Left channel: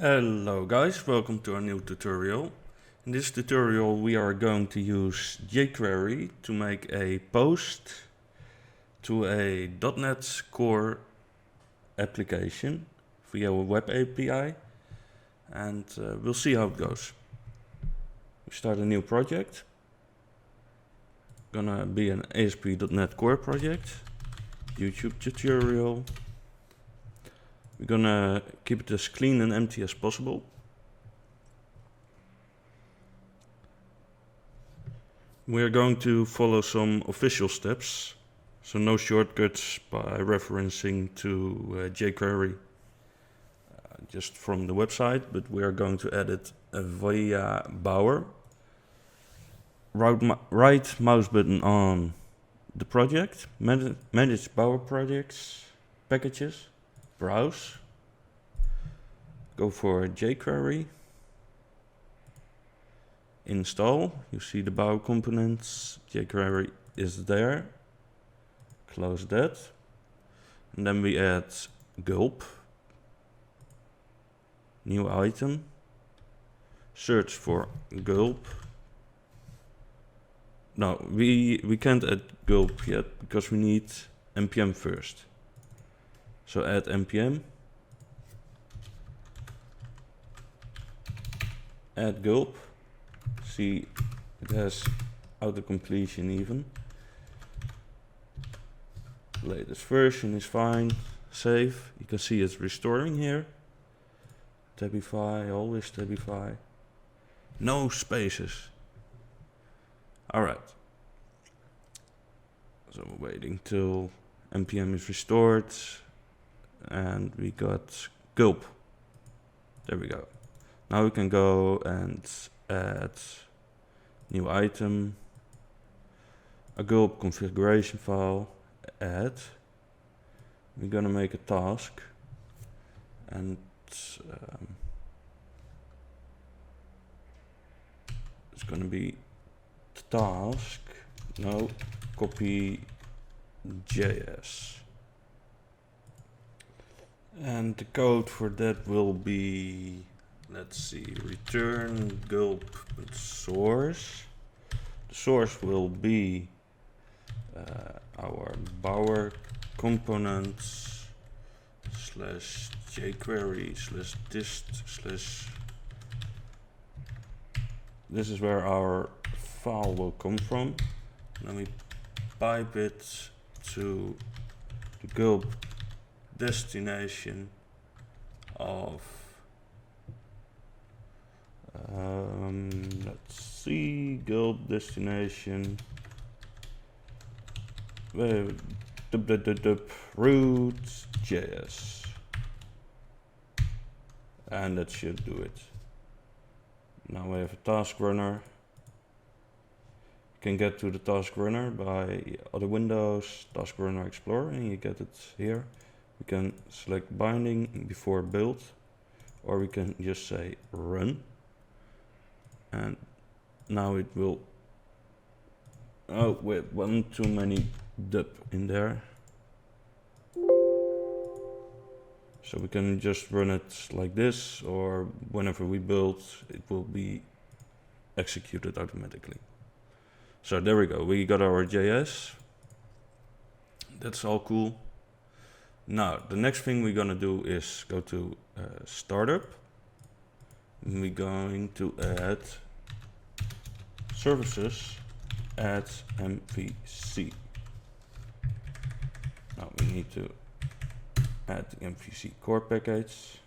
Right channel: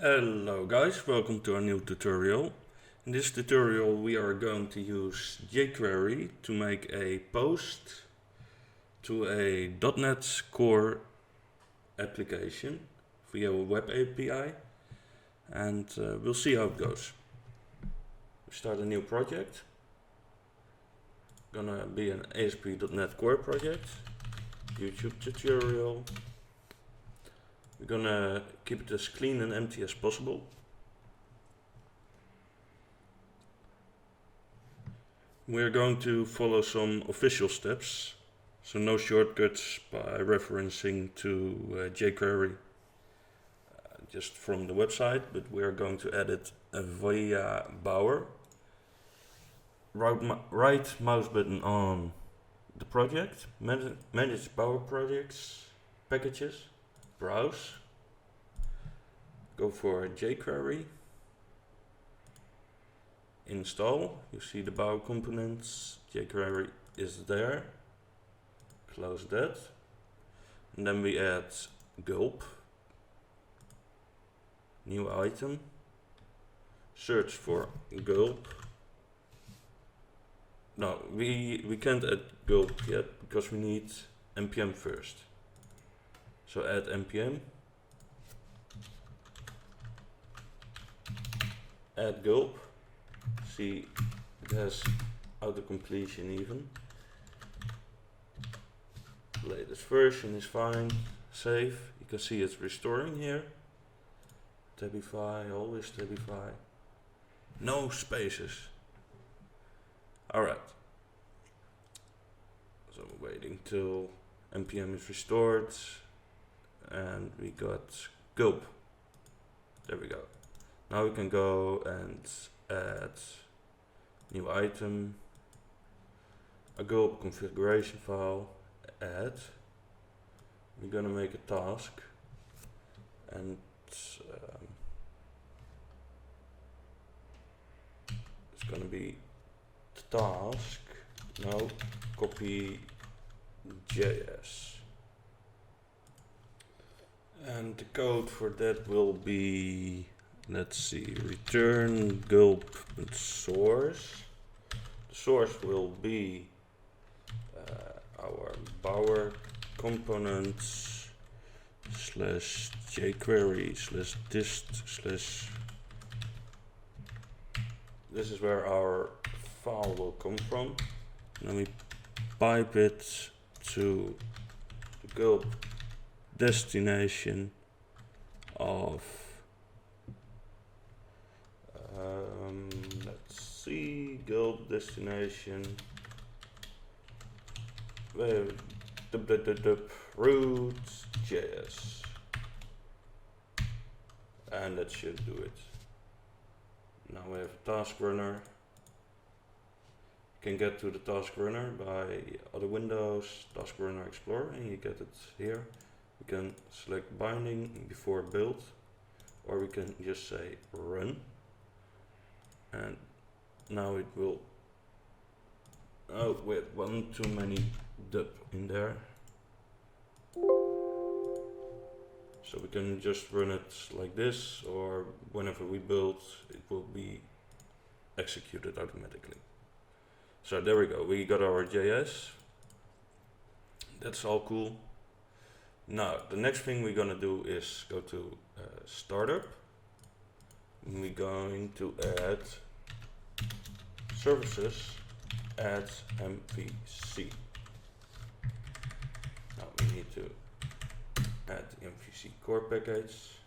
Hello guys, welcome to a new tutorial. In this tutorial we are going to use jQuery to make a post to a .NET Core application via a web API, and we'll see how it goes. We start a new project. Gonna be an ASP.NET Core project, YouTube tutorial. We're gonna keep it as clean and empty as possible. We're going to follow some official steps, so no shortcuts by referencing to jQuery just from the website, but we are going to edit via Bower. Right mouse button on the project, manage Bower projects, packages, browse, go for jQuery, install. You see the Bower components, jQuery is there, close that, and then we add gulp, new item, search for gulp. No, we can't add gulp yet because we need npm first. So add npm, add gulp. See, it has auto-completion even. Latest version is fine. Save. You can see it's restoring here. Tabify, always Tabify. No spaces. Alright. So we're waiting till npm is restored. And we got gulp. There we go. Now we can go and add new item, a gulp configuration file, add. We're gonna make a task, and it's gonna be task, no, copy JS. And the code for that will be, let's see, return gulp source. The source will be our Bower components slash jQuery slash dist slash. This is where our file will come from. Then we pipe it to the gulp destination of let's see, gulp destination root JS, and that should do it. Now we have a task runner. You can get to the task runner by other windows, task runner explorer, and you get it here. We can select binding before build, or we can just say run. And now it will, oh wait, one too many dub in there. So we can just run it like this, or whenever we build, it will be executed automatically. So there we go, we got our JS. That's all cool. Now, the next thing we're gonna do is go to startup. And we're going to add services, add MVC. Now we need to add the MVC core package,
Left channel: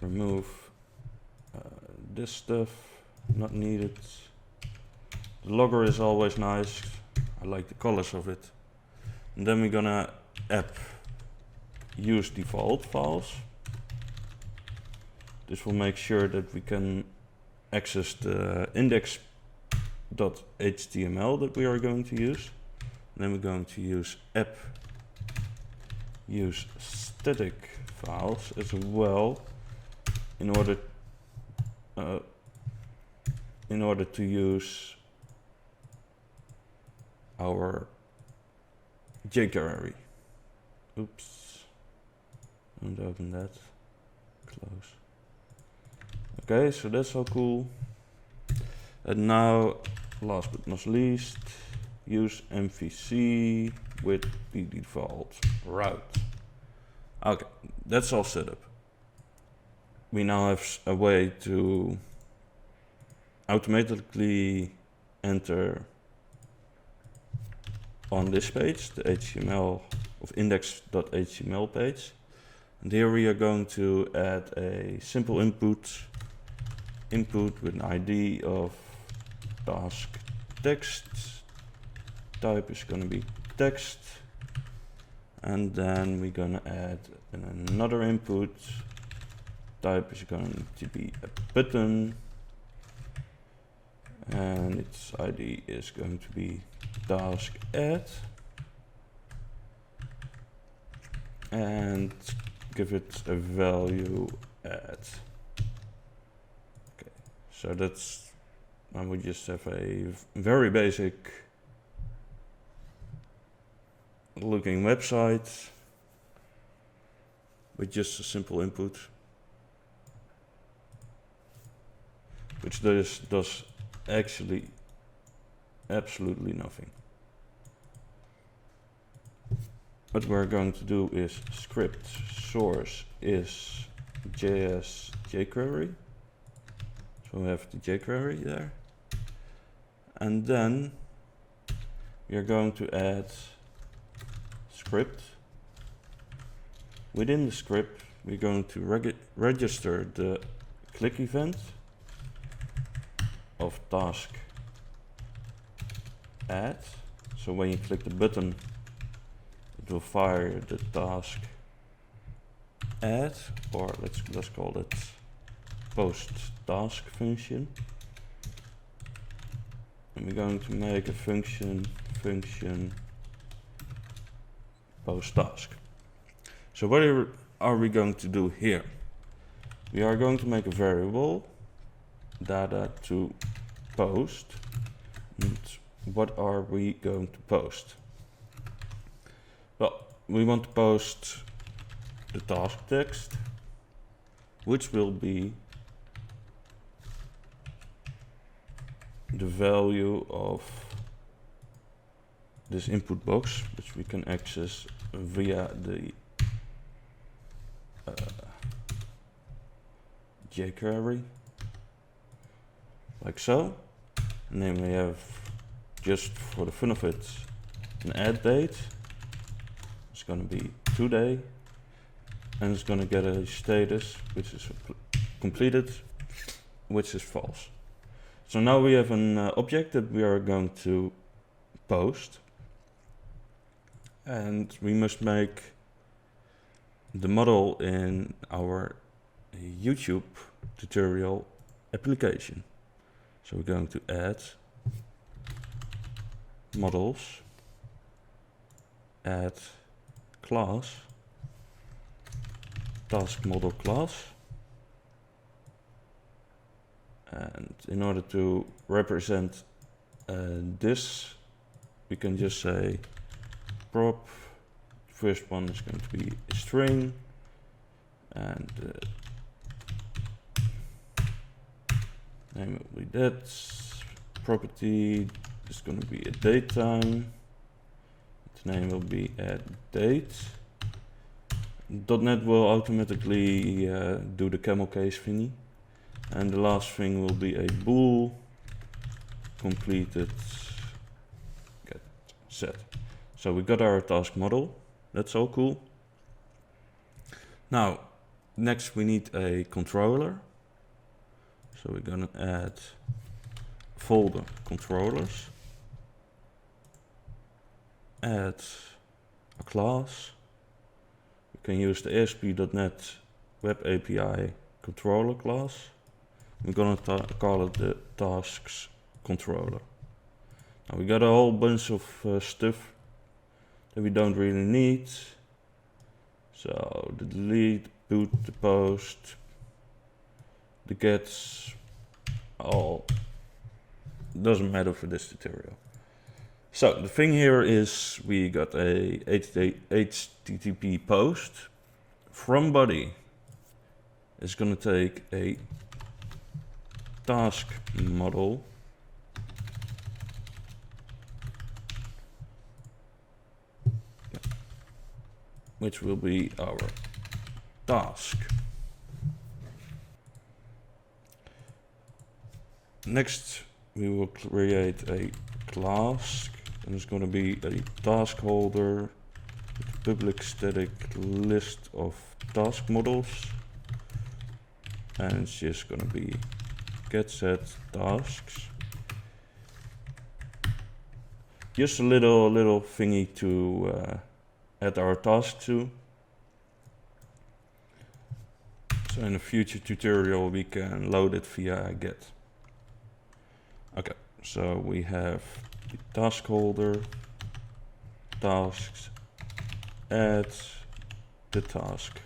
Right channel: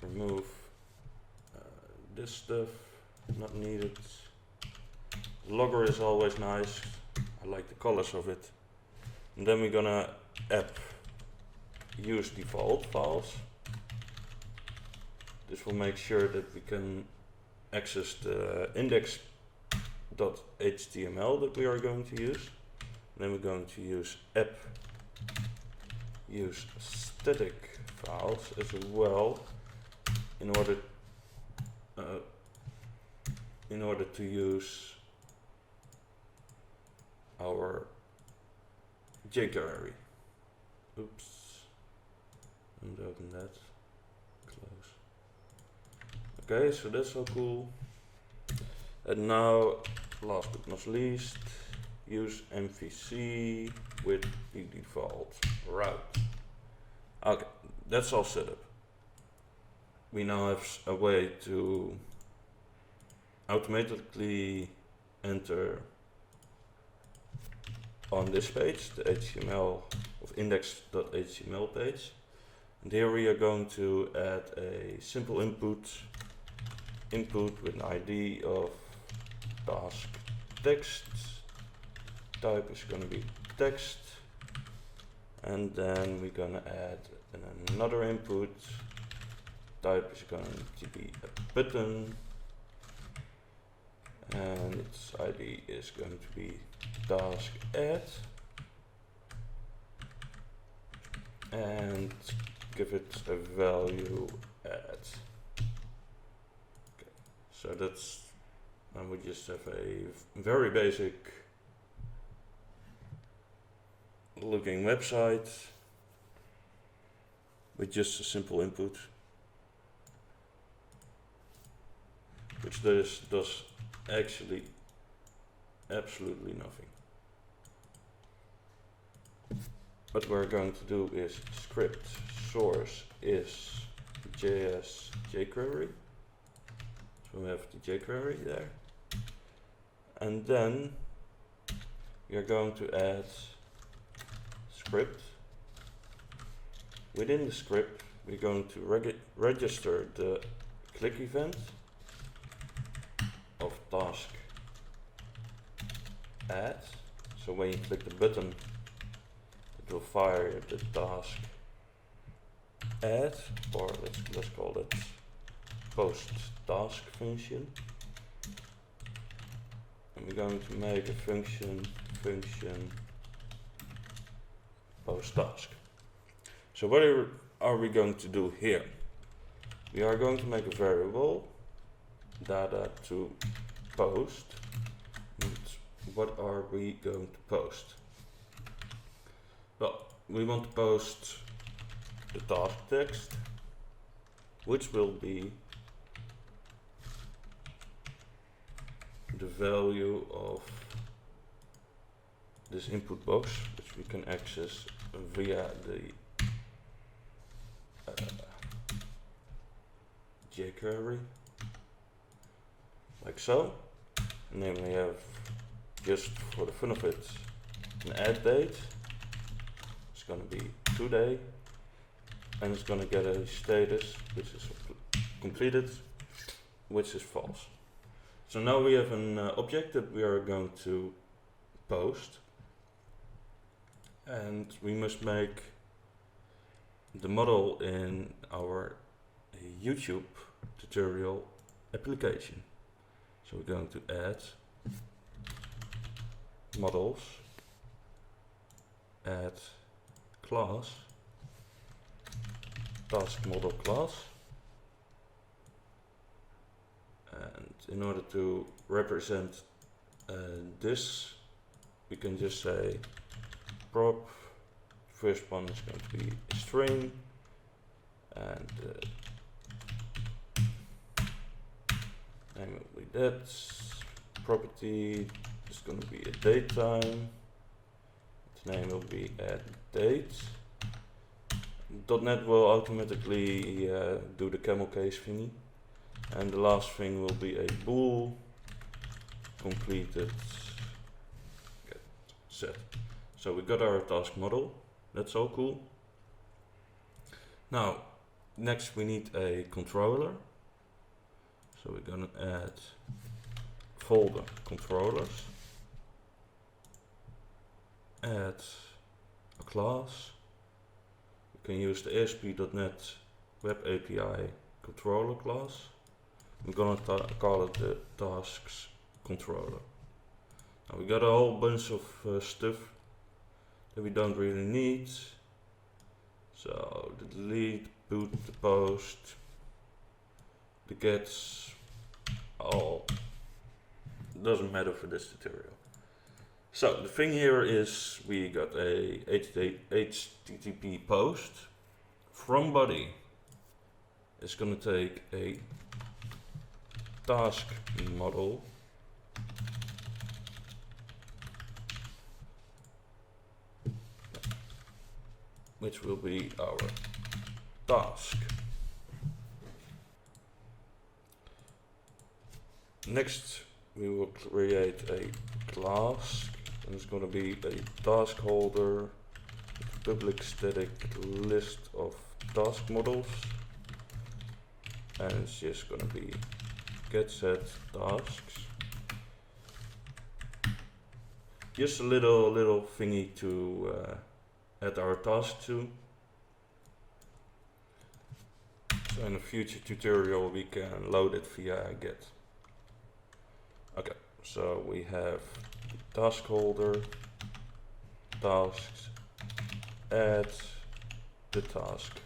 remove this stuff, not needed. The logger is always nice, I like the colors of it. And then we're gonna app use default files. This will make sure that we can access the index.html that we are going to use. And then we're going to use app use static files as well in order to use our jQuery. Oops, don't open that. Close. Okay, so that's all cool. And now, last but not least, use MVC with the default route. Okay, that's all set up. We now have a way to automatically enter on this page, the HTML of index.html page. And here we are going to add a simple input with an ID of task text. Type is going to be text. And then we're going to add another input. Type is going to be a button. And its ID is going to be task add. And give it a value add. Okay, so that's, now we just have a very basic looking website with just a simple input, which does actually absolutely nothing. What we're going to do is script source is jquery. So we have the jquery there. And then we are going to add script. Within the script, we're going to register the click event of task add. So when you click the button, it will fire the task add, or let's call it post task function. And we're going to make a function post task. So what are we going to do here? We are going to make a variable data to post. And what are we going to post? Well, we want to post the task text, which will be the value of this input box, which we can access via the jQuery, like so. And then we have, just for the fun of it, an add date. It's going to be today, and it's going to get a status which is completed, which is false. So now we have an object that we are going to post, and we must make the model in our YouTube tutorial application. So we're going to add models, add class, task model class, and in order to represent this, we can just say prop. First one is going to be a string, and name will be that. Property is going to be a date time. Its name will be add date. .NET will automatically do the camel case thingy. And the last thing will be a bool completed get set. So we got our task model. That's all cool. Now, next we need a controller. So we're gonna add folder controllers. Add a class. We can use the ASP.NET Web API controller class. We're gonna call it the tasks controller. Now we got a whole bunch of stuff that we don't really need. So the delete, boot, the post, the gets, all doesn't matter for this tutorial. So the thing here is we got a HTTP post from body. It's gonna take a task model, which will be our task. Next, we will create a class, and it's going to be a task holder with a public static list of task models, and it's just going to be get set tasks. Just a little thingy to add our task to. So in a future tutorial we can load it via get. Okay, so we have the task holder, tasks, add the task.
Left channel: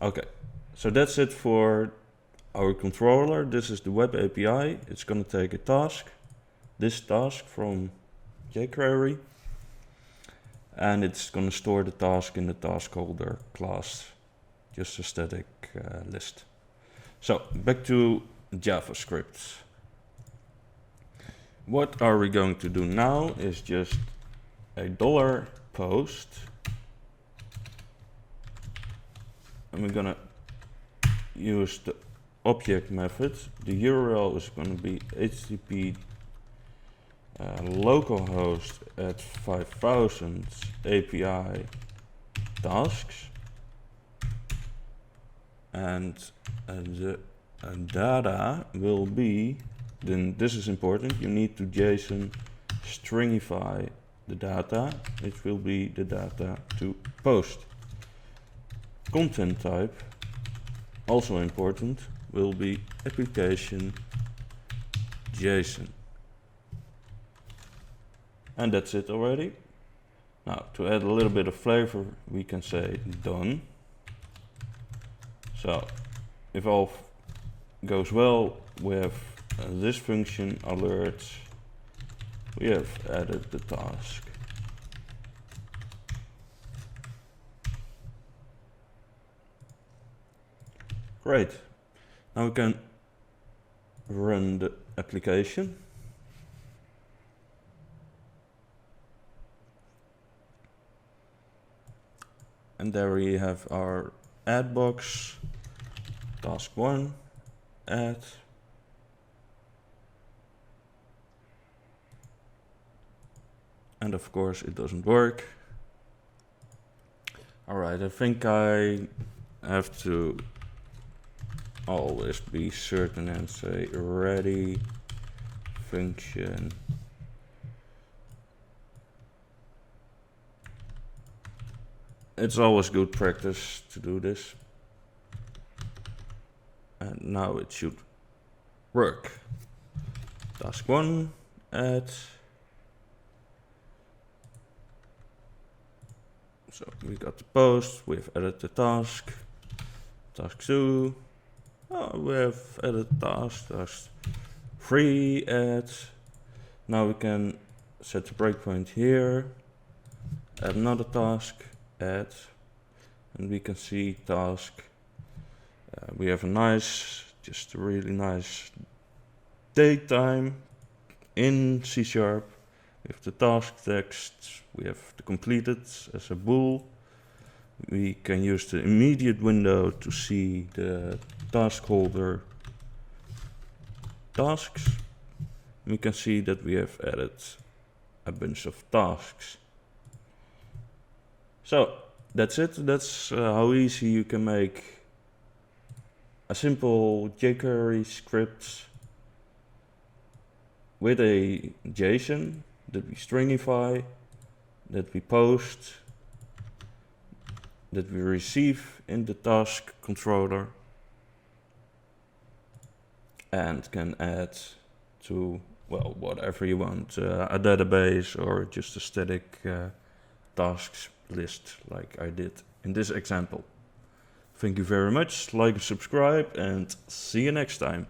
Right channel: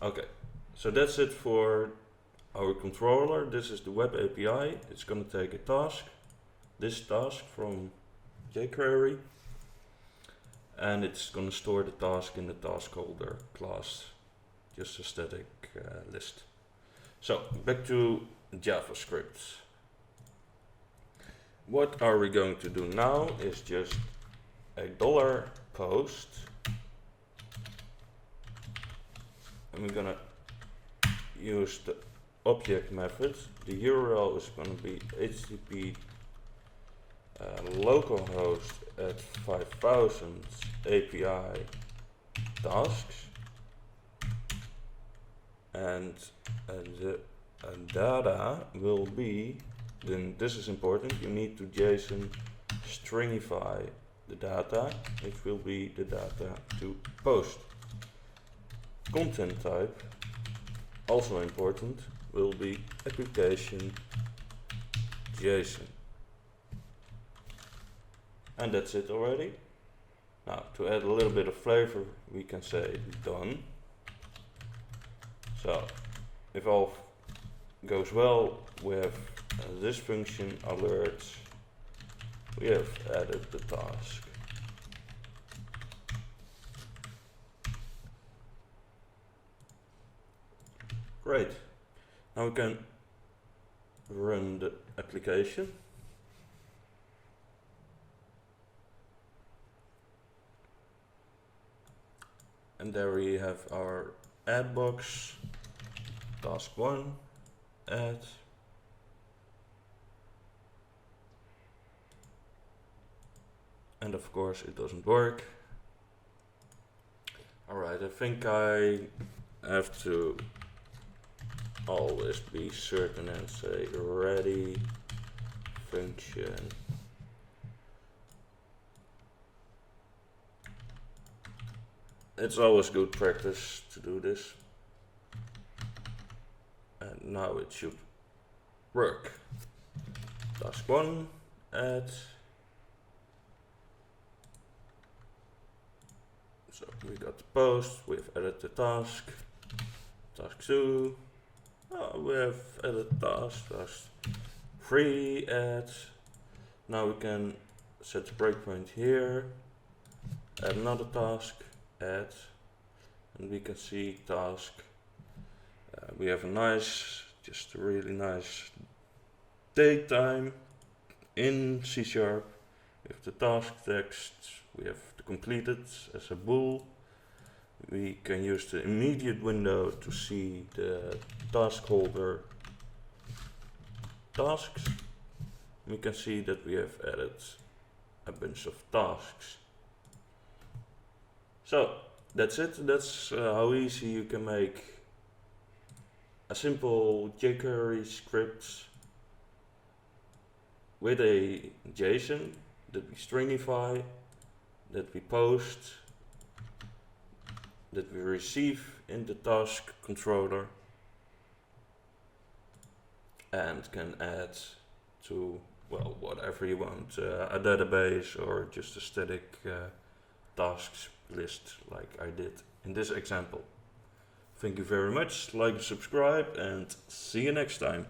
Okay, so that's it for our controller. This is the web API. It's going to take a task, this task from jQuery, and it's going to store the task in the task holder class, just a static list. So back to JavaScript. What are we going to do now is just a $post, and we're gonna use the object method. The URL is going to be http localhost at 5000 API tasks, and the data will be, then this is important, you need to JSON stringify the data, which will be the data to post. Content type, also important, will be application JSON. And that's it already. Now, to add a little bit of flavor, we can say done. So, if all goes well, we have this function alerts. We have added the task. Great. Now we can run the application. And there we have our add box, task 1, add. And of course it doesn't work. Alright, I think I have to always be certain and say ready function. It's always good practice to do this. And now it should work. Task 1, add. So we got the post, we've added the task. Task 2, oh, we have added task. Task 3, add. Now we can set the breakpoint here, add another task, add, and we can see task. We have just a really nice date time in C#. With the task text, we have the completed as a bool. We can use the immediate window to see the task holder tasks. We can see that we have added a bunch of tasks. So that's it. That's how easy you can make a simple jQuery script with a JSON that we stringify, that we post, that we receive in the task controller, and can add to, well, whatever you want, a database or just a static tasks list like I did in this example. Thank you very much, like and subscribe, and see you next time.